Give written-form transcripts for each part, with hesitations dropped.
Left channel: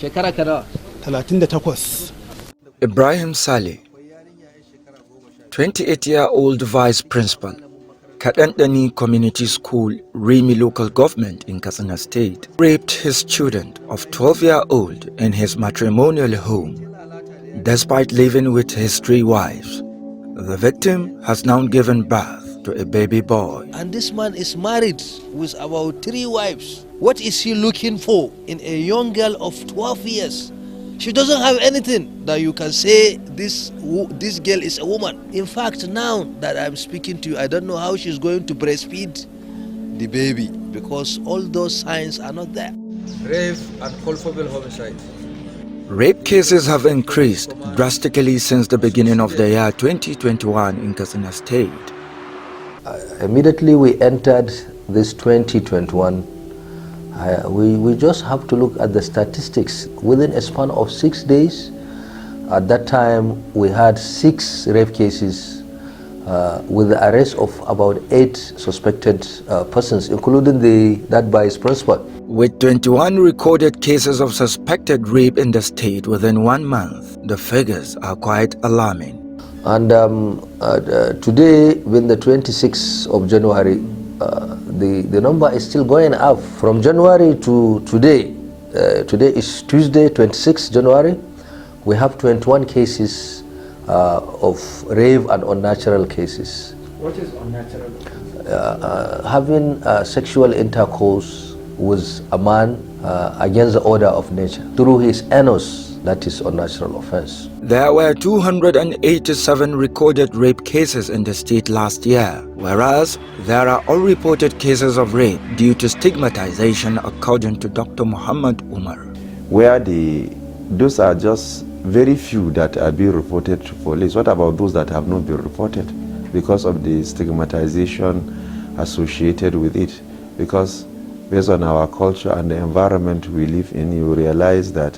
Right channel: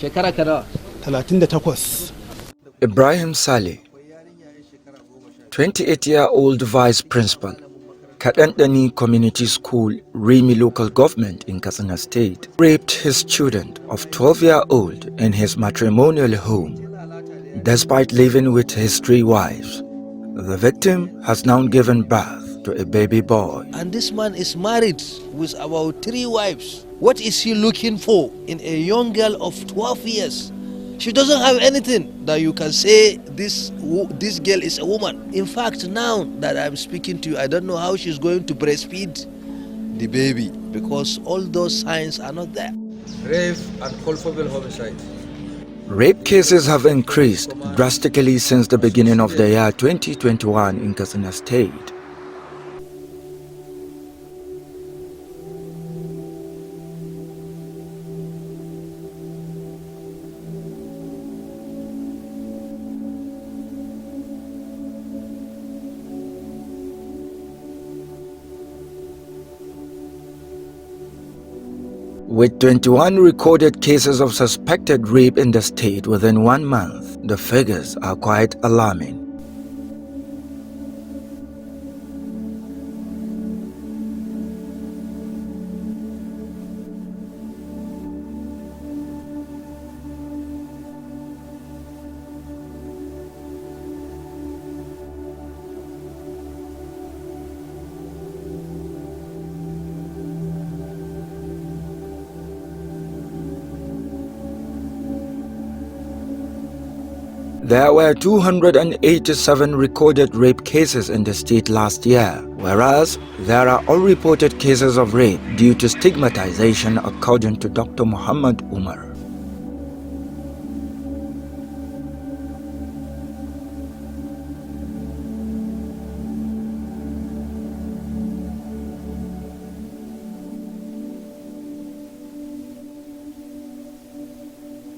Shekara kada. 38. Ibrahim Saleh, 28-year-old vice principal, Kadandani Community School, Rimi local government in Katsina State, raped his student of 12-year-old in his matrimonial home. Despite living with his 3 wives, the victim has now given birth to a baby boy. And this man is married with about 3 wives. What is he looking for in a young girl of 12 years? She doesn't have anything that you can say this girl is a woman. In fact, now that I'm speaking to you, I don't know how she's going to breastfeed the baby because all those signs are not there. Rape and culpable homicide. Rape cases have increased drastically since the beginning of the year 2021 in Katsina State. Immediately we entered this 2021, we just have to look at the statistics. Within a span of 6 days, at that time we had 6 rape cases with the arrest of about 8 suspected persons, including that vice principal. With 21 recorded cases of suspected rape in the state within 1 month, the figures are quite alarming. And today, being the 26th of January, the number is still going up. From January to today, today is Tuesday, 26th January, we have 21 cases of rape and unnatural cases. What is unnatural? Having sexual intercourse with a man against the order of nature through his anus, that is unnatural offense. There were 287 recorded rape cases in the state last year, whereas there are unreported cases of rape due to stigmatization, according to Dr. Muhammad Umar. Where those are just very few that are being reported to police. What about those that have not been reported because of the stigmatization associated with it? Because based on our culture and the environment we live in, you realize that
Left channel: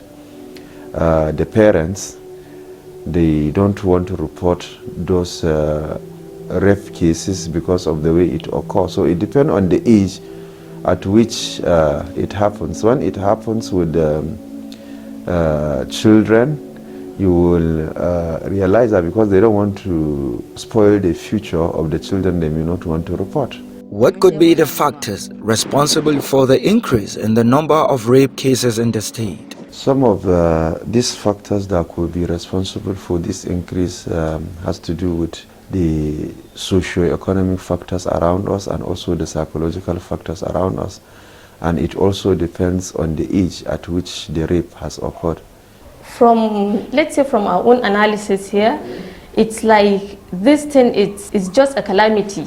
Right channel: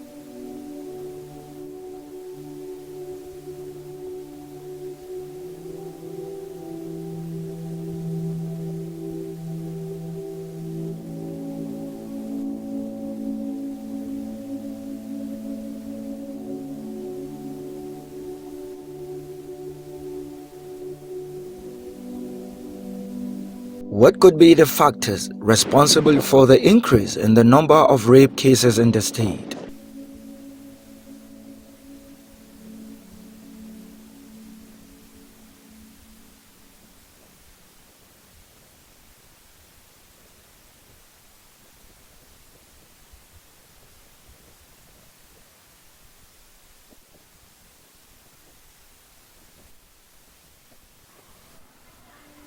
the parents, they don't want to report those rape cases because of the way it occurs. So it depends on the age at which it happens. When it happens with children, you will realize that because they don't want to spoil the future of the children, they may not want to report. What could be the factors responsible for the increase in the number of rape cases in the state? Some of these factors that could be responsible for this increase has to do with the socio-economic factors around us and also the psychological factors around us. And it also depends on the age at which the rape has occurred. Let's say from our own analysis here, it's like this thing is just a calamity,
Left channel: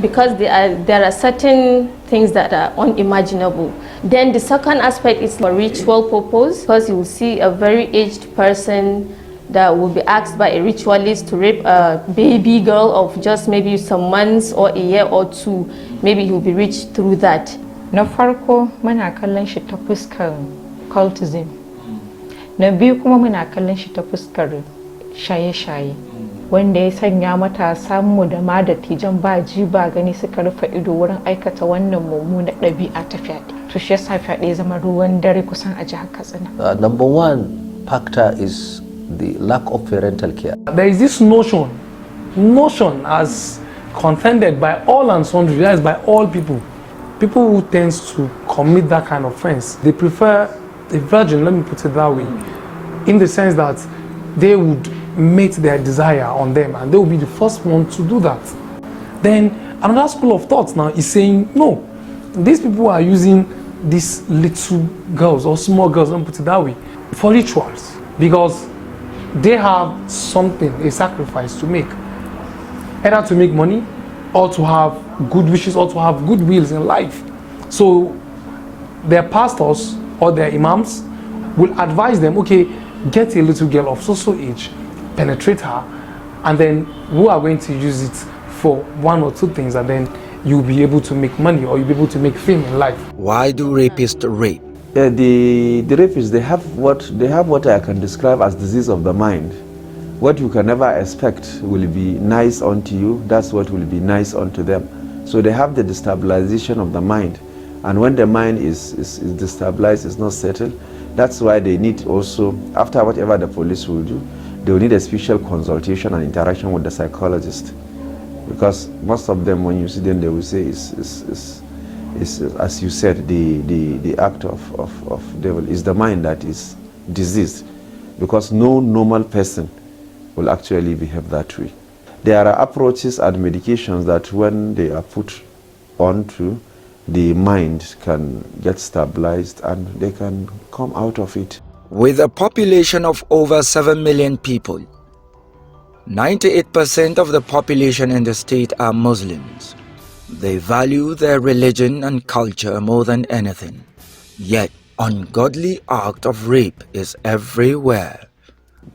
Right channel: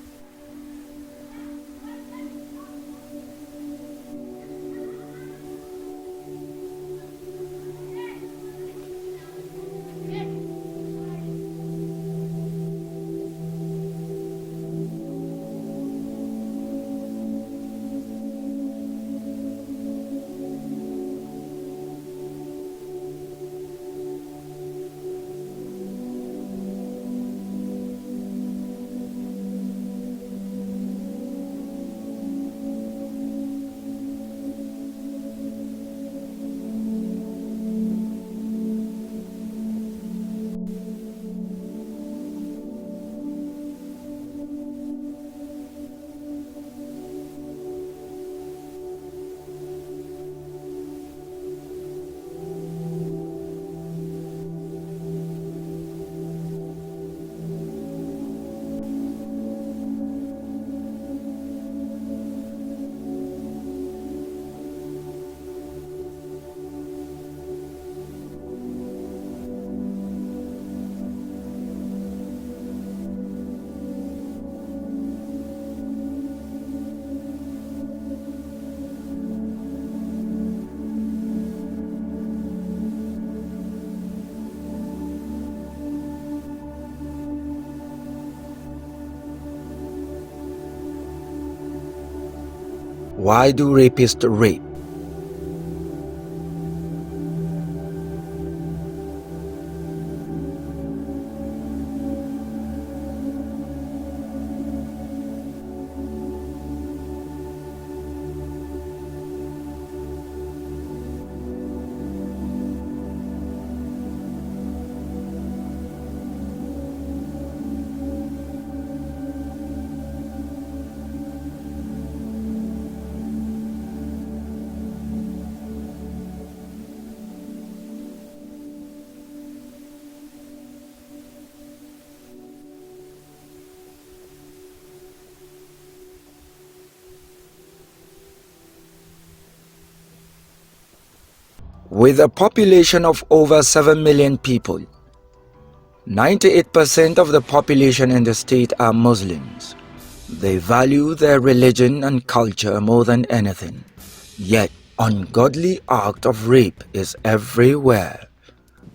because there are certain things that are unimaginable. Then the second aspect is for ritual purpose, because you will see a very aged person that will be asked by a ritualist to rape a baby girl of just maybe some months or a year or 2. Maybe he will be reached through that. Na farko muna kallon shi ta fuskar cultism. Na biyu kuma muna kallon shi ta fuskar shaye-shaye, wanda ya sanya matasa mu da ma dattijan ba ji ba gani suka rufe ido wurin aikata wannan mummunar ɗabi'a ta fyaɗe. To shi yasa fyaɗe zama ruwan dare kusan a jihar Katsina. Number 1 factor is the lack of parental care. There is this notion as contended by all and sundry, that is by all people. People who tend to commit that kind of offense, they prefer a virgin, let me put it that way, in the sense that they would mate their desire on them and they will be the first one to do that. Then another school of thought now is saying, no, these people are using these little girls or small girls, let me put it that way, for rituals, because they have something, a sacrifice to make, either to make money or to have good wishes or to have good wills in life. So their pastors or their imams will advise them, okay, get a little girl of so age, penetrate her, and then we are going to use it for 1 or 2 things, and then you'll be able to make money or you'll be able to make fame in life. Why do rapists rape? The rapists, they have what I can describe as disease of the mind. What you can never expect will be nice unto you, that's what will be nice unto them. So they have the destabilization of the mind. And when the mind is destabilized, it's not settled, That's why they need also, after whatever the police will do, they will need a special consultation and interaction with the psychologist. Because most of them, when you see them, they will say, is as you said, the act of devil is the mind that is diseased. Because no normal person will actually behave that way. There are approaches and medications that when they are put onto, the mind can get stabilized and they can come out of it. With a population of over 7 million people, 98% of the population in the state are Muslims. They value their religion and culture more than anything. Yet, ungodly act of rape is everywhere.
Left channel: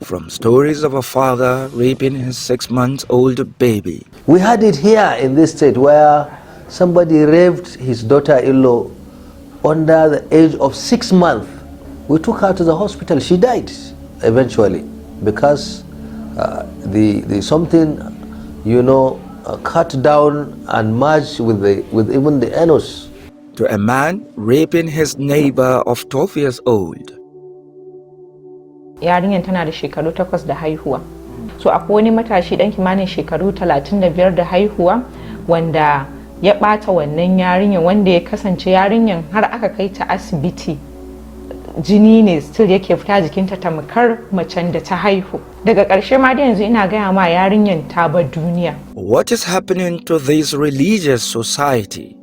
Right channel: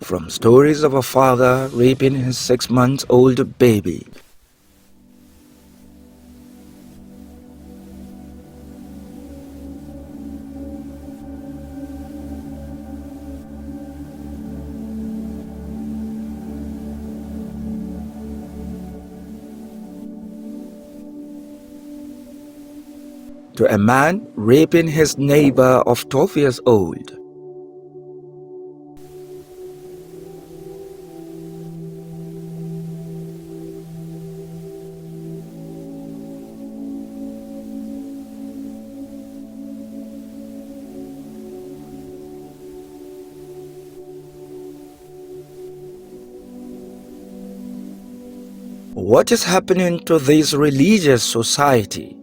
From stories of a father raping his 6-month-old baby. We had it here in this state where somebody raped his daughter-in-law under the age of 6 months. We took her to the hospital. She died eventually because the something, you know, cut down and merged with even the anus. To a man raping his neighbor of 12 years old. Yarinyar tana da shekaru 8 da haihuwa. So akwai wani matashi dan kimanin shekaru 35 da haihuwa wanda ya bata wannan yarinyar, wanda ya kasance yarinyar har aka kai ta asibiti. Jini ne still yake fita jikinta tamkar macen da ta haihu. Daga ƙarshe ma da yanzu ina gaya ma yarinyar ta bar duniya. What is happening to this religious society?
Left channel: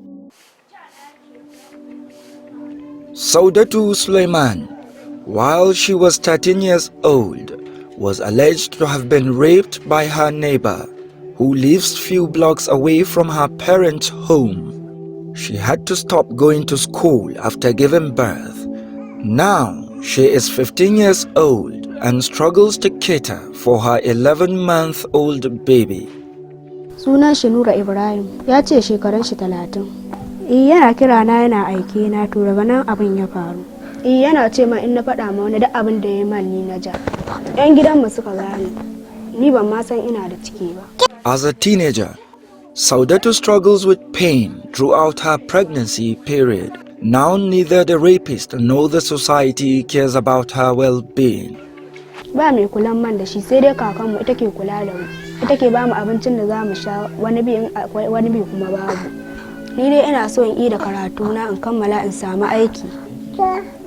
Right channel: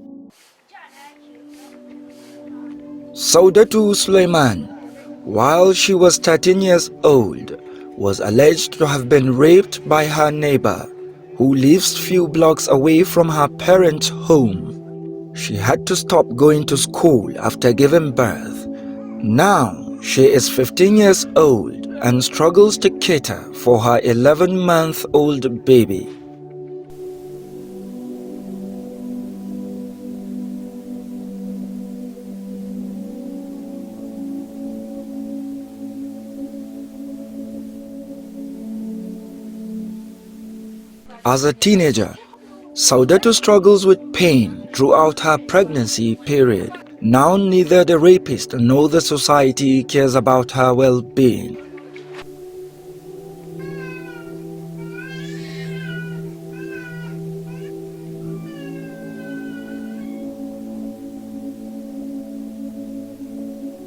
Saudatu Suleiman, while she was 13 years old, was alleged to have been raped by her neighbor, who lives few blocks away from her parents' home. She had to stop going to school after giving birth. Now, she is 15 years old and struggles to cater for her 11-month-old baby. Sunan shi Nura Ibrahim, ya ce shekaran shi 30. Yana kira na yana aike na, to daga nan abin ya faru. Yana ce ma in na faɗa ma wani duk abin da ya man ni na ja. Yan gidanmu suka gane. Ni ban ma san ina da ciki ba. As a teenager, Saudatu struggles with pain throughout her pregnancy period. Now neither the rapist nor the society cares about her well-being. Ba mai kulan man da shi, sai dai kakanmu ita ke kula da mu. Ita ke ba mu abincin da za mu sha, wani bi kuma babu. Ni dai ina so in yi da karatu na in kammala in samu aiki.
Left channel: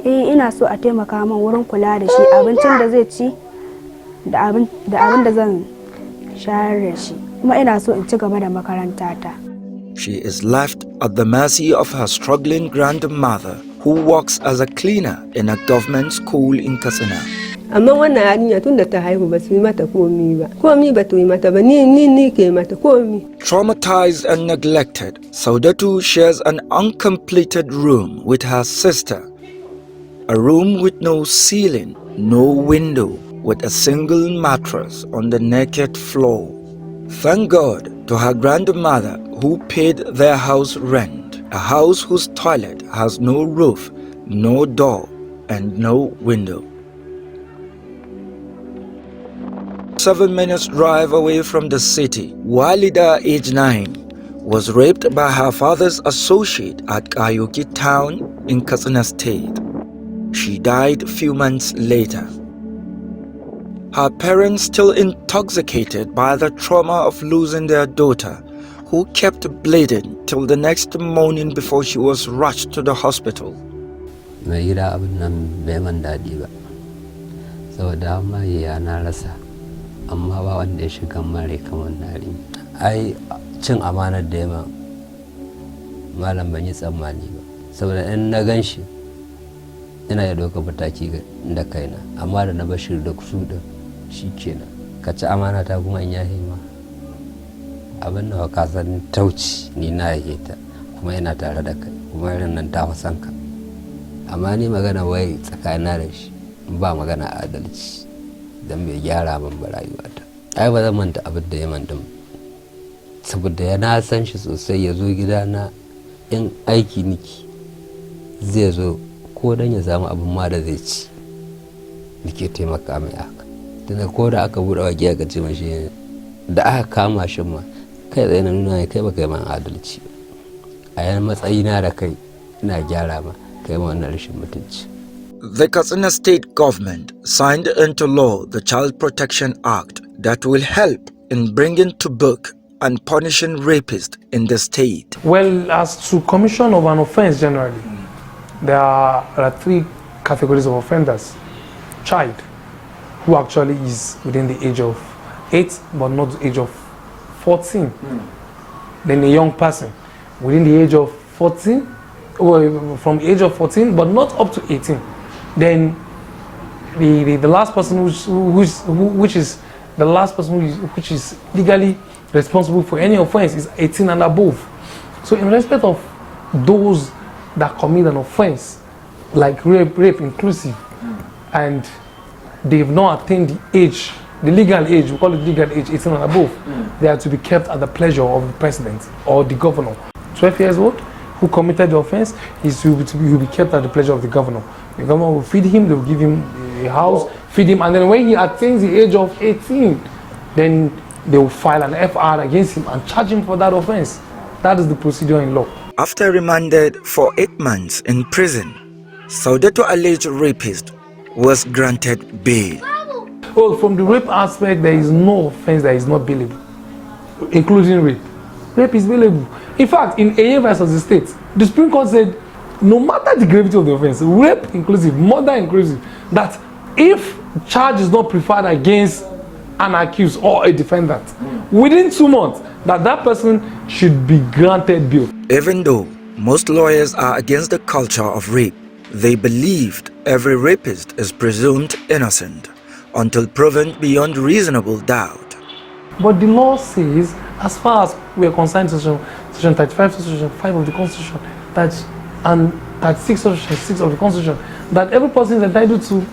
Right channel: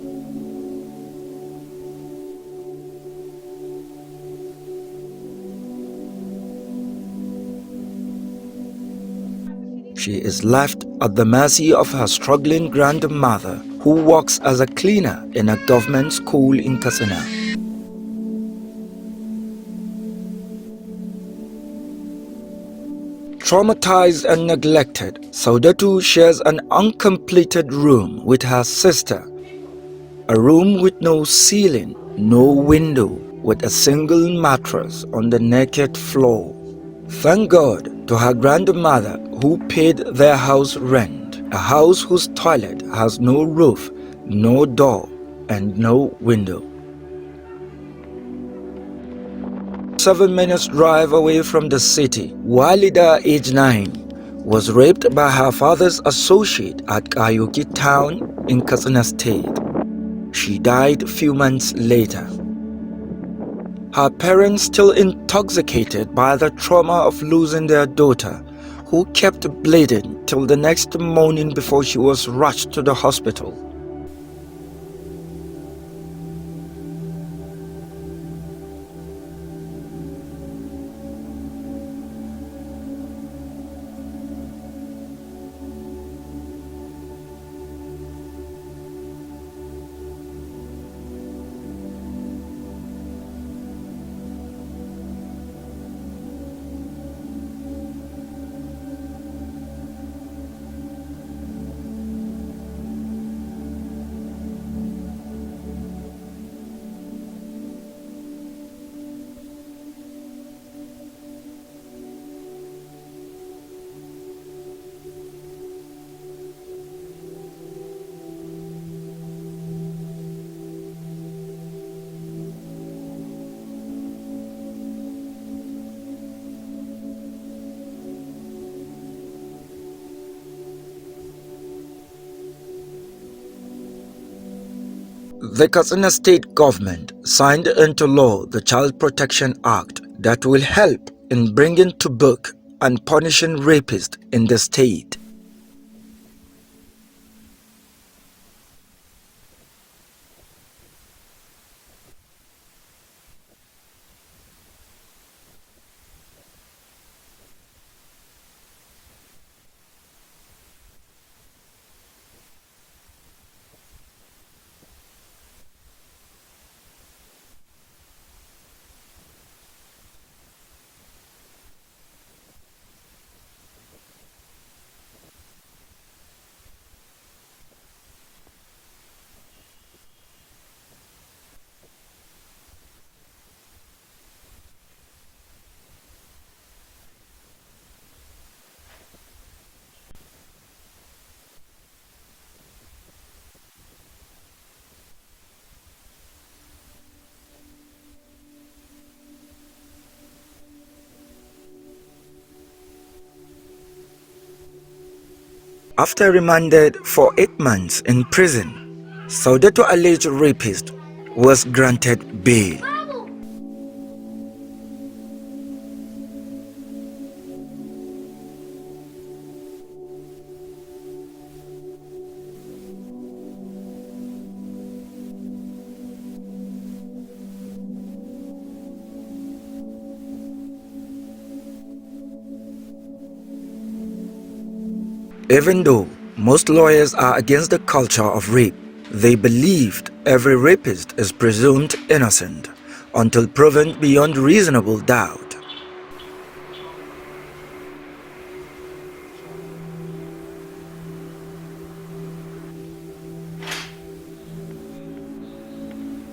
Ina so a taimaka min wurin kula da shi, abincin da zai ci da abin da zan shayar da shi. Kuma ina so in ci gaba da makarantata. She is left at the mercy of her struggling grandmother, who works as a cleaner in a government school in Katsina. Amma wannan yarinya tun da ta haihu ba su yi mata komi ba. Komi ba to yi mata ba, ni ke mata komi. Traumatized and neglected, Saudatu shares an uncompleted room with her sister. A room with no ceiling, no window, with a single mattress on the naked floor. Thank God to her grandmother who paid their house rent, a house whose toilet has no roof, no door, and no window. 7 minutes drive away from the city, Walida, age 9, was raped by her father's associate at Kayoki town in Katsina State. She died a few months later. Her parents, still intoxicated by the trauma of losing their daughter, who kept bleeding till the next morning before she was rushed to the hospital. Amma ba wanda ya shiga mare kamar nari. Ai cin amanar da yamma malam ban yi tsammani ba, saboda in na gan shi ina ya doka mataki da kaina, amma da na bashir da kusu da shi kenan. Ka ci amana ta kuma in yahi ma abin da ka san tauci ni na yake ta, kuma yana tare da kai, kuma irin nan ta san ka. Amma ni magana wai tsakanin da shi ba magana adalci. Dan bai gyara min ba rayuwata. Ai ba zan manta abin da ya manta, saboda ya na san shi sosai. Ya zo gidana in aiki niki zai zo ko dan ya samu abin ma da zai ci, nike taimaka mai haka. Tunda ko da aka buɗe waki aka ce mashi da aka kama shi ma kai tsaye na nuna kai ba kai man adalci a yan matsayina da kai ina gyara ma kai ma wannan rashin mutunci. The Katsina State government signed into law the Child Protection Act that will help in bringing to book and punishing rapists in the state. Well, as to commission of an offense generally, there are three categories of offenders. Child, who actually is within the age of 8 but not the age of 14. Then a young person within the age of 14, or from the age of 14 but not up to 18. Then the last person which is the last person which is legally responsible for any offense is 18 and above. So in respect of those that commit an offense, like rape inclusive, and they've not attained the age, the legal age, we call it legal age, 18 and above, they are to be kept at the pleasure of the president or the governor. 12 years old, who committed the offense, he will be kept at the pleasure of the governor. The governor will feed him, they will give him a house, feed him, and then when he attains the age of 18, then they will file an FR against him and charge him for that offense. That is the procedure in law. After remanded for 8 months in prison, Saudato alleged rapist was granted bail. Well, from the rape aspect, there is no offense that is not bailable, including rape. Rape is bailable. In fact, in AA versus the state, the Supreme Court said, no matter the gravity of the offense, rape inclusive, murder inclusive, that if charge is not preferred against an accused or a defendant, within 2 months, that person should be granted bail. Even though most lawyers are against the culture of rape, they believed every rapist is presumed innocent until proven beyond reasonable doubt. But the law says, as far as we are concerned, section 35, section 5 of the Constitution, and 36, section 6 of the Constitution, that every person is entitled to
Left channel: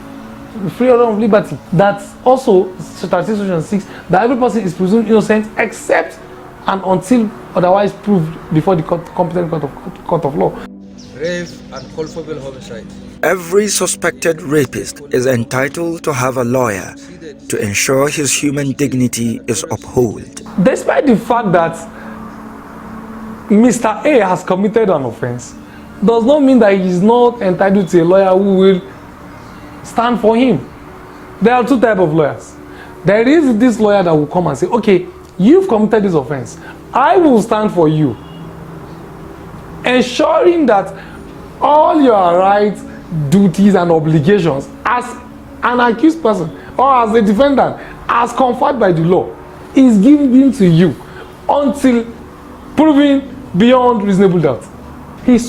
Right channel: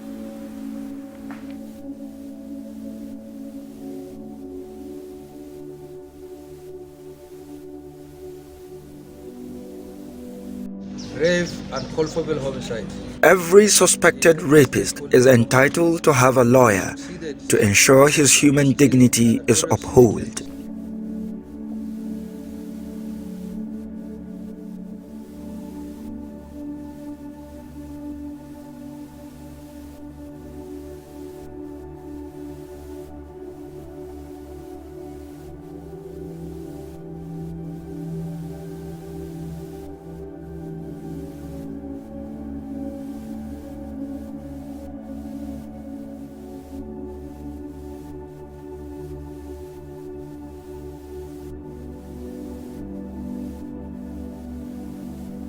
freedom of liberty. That's also 36, section 6, that every person is presumed innocent except and until otherwise proved before the competent court of law. Rape and culpable homicide. Every suspected rapist is entitled to have a lawyer to ensure his human dignity is upheld. Despite the fact that Mr. A has committed an offense, does not mean that he is not entitled to a lawyer who will stand for him. There are two types of lawyers. There is this lawyer that will come and say, okay, you've committed this offense, I will stand for you, ensuring that all your rights, duties and obligations as an accused person or as a defendant, as conferred by the law, is given to you until proven beyond reasonable doubt. He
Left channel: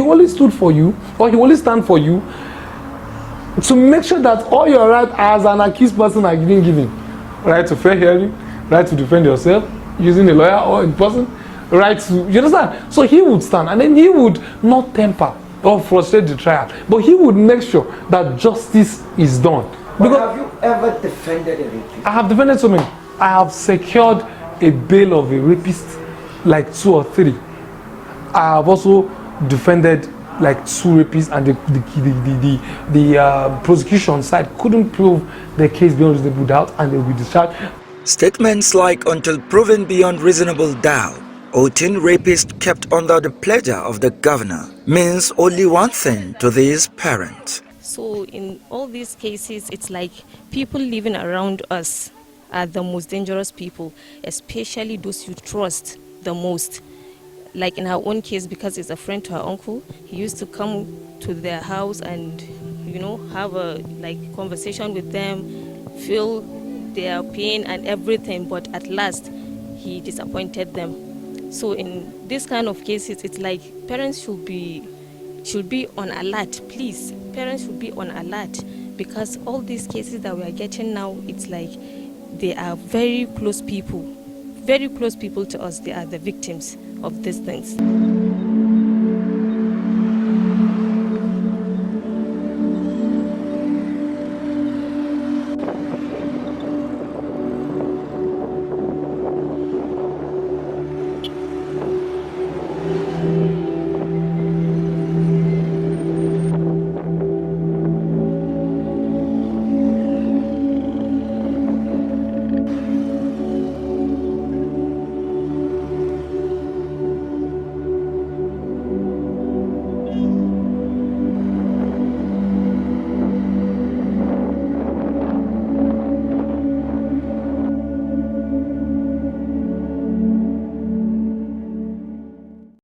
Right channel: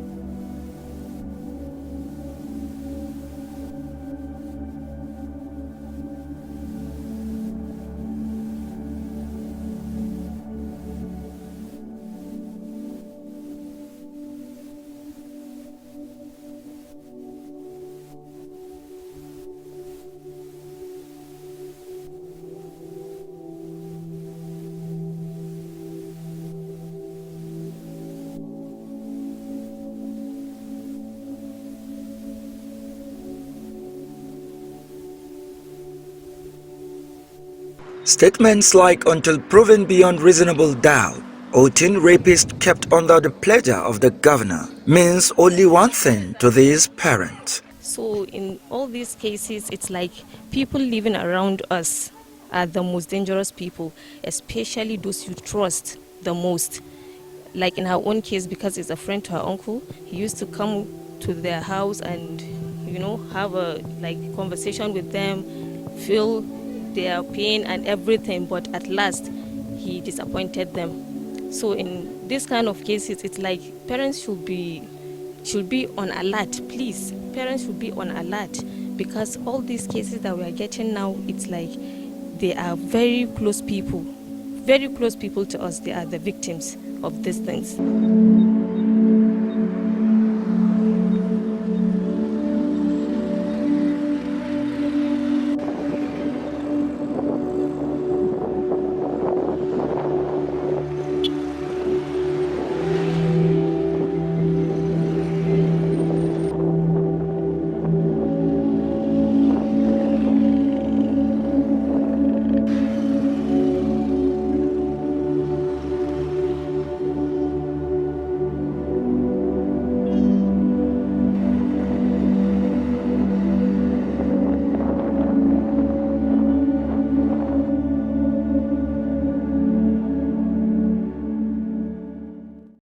only stood for you, or he only stand for you, to make sure that all your rights as an accused person are given. Right to fair hearing, right to defend yourself using a lawyer or in person, right to, you understand? So he would stand, and then he would not temper or frustrate the trial, but he would make sure that justice is done. But have you ever defended a rapist? I have defended so many. I have secured a bail of a rapist, like 2 or 3. I have also defended like 2 rapists, and the prosecution side couldn't prove the case beyond reasonable doubt, and they will be discharged. Statements like "until proven beyond reasonable doubt" or 10 rapists kept under the pleasure of the governor means only one thing to these parents. So in all these cases, it's like people living around us are the most dangerous people, especially those you trust the most. Like in her own case, because it's a friend to her uncle, he used to come to their house and, you know, have a conversation with them, feel their pain and everything, but at last he disappointed them. So in this kind of cases, it's like parents should be on alert, please. Parents should be on alert, because all these cases that we are getting now, it's like they are very close people to us. They are the victims of these things.